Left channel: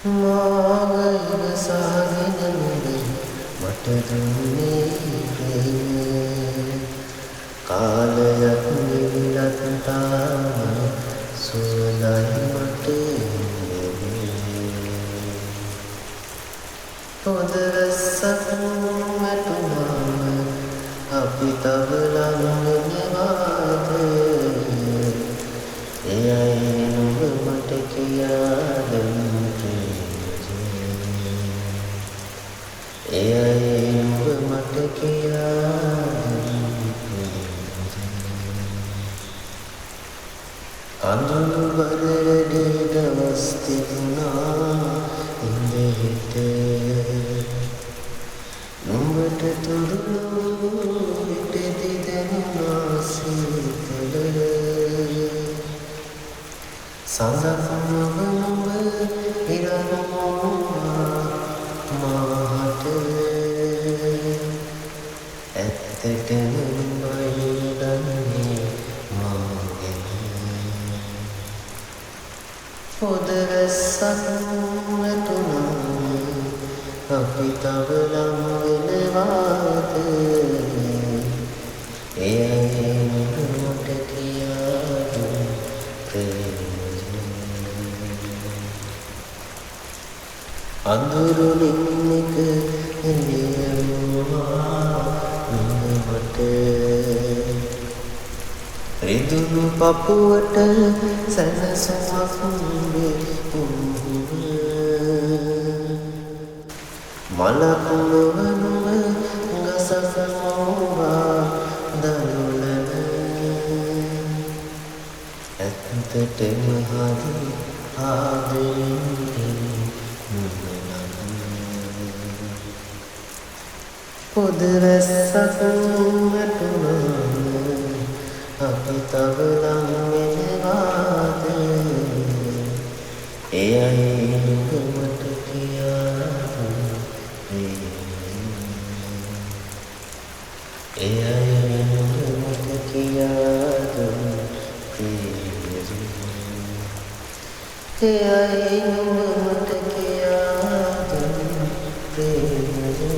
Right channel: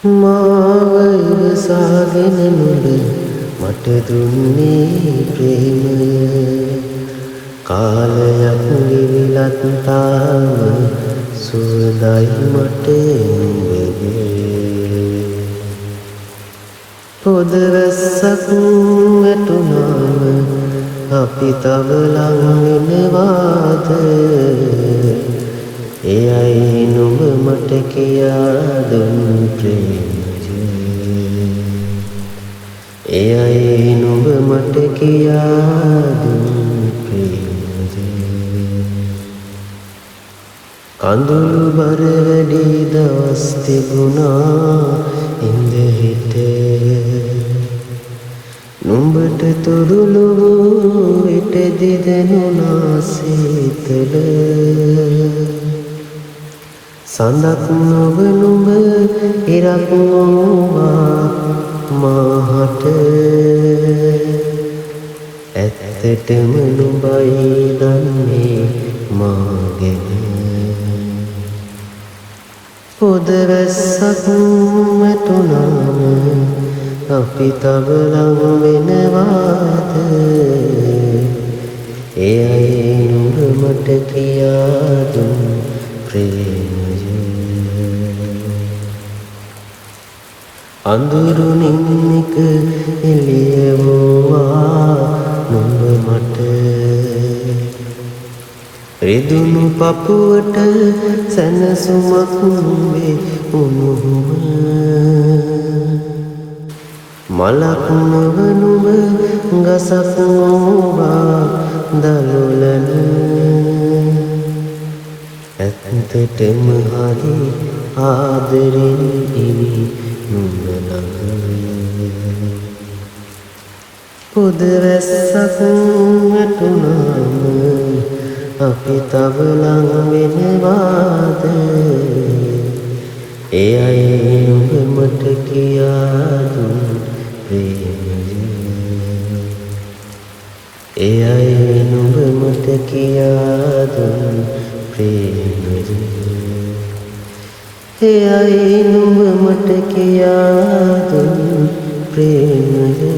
මාව ඉවසාගෙන නුඹ මට දුන්නේ ප්‍රේමය කාලයක් ගෙවිලත් තාම සුවඳයි මට පොද රැස්සක් ඇතුනාම අපි තව ලං වෙනවාද එයයි නුඹ මට කියා දුන් ප්‍රේමය එයයි නුඹ මට කියා දුන් ප්‍රේමය කඳුළු බර වැඩි දවස් තිබුණා ඉඳහිට නුඹට තොරුළු ඉට දෙදෙනුනා සීතල සඳක් නොව නුඹ ඉරක් නොවා මාහට ඇත්තටම නුඹයි දන්නේ මාගෙන පොද රැස්සක් ඇතුනාම අපි තව ලං වෙනවාද එයයි නුඹ මට කියා දුන් ප්‍රේමය අඳුරුනින් එක එළියවුවා නුඹ මට රිදුණු පපුවට සැනසුමක් නුඹේ මලක් නොව නුඹ ගසක් නොවා දළුලන ඇත්තටම හරි ආදරෙන් නුඹ ළඟ පොද රැස්සක් ඇතුනාම අපි තව ලං වෙනවාද එයයි නුඹ මට කියා දුන් ප්‍රේමය එයයි නුඹ මට කියා දුන් ප්‍රේමය එයයි නුඹ මට කියා දුන් ප්‍රේමය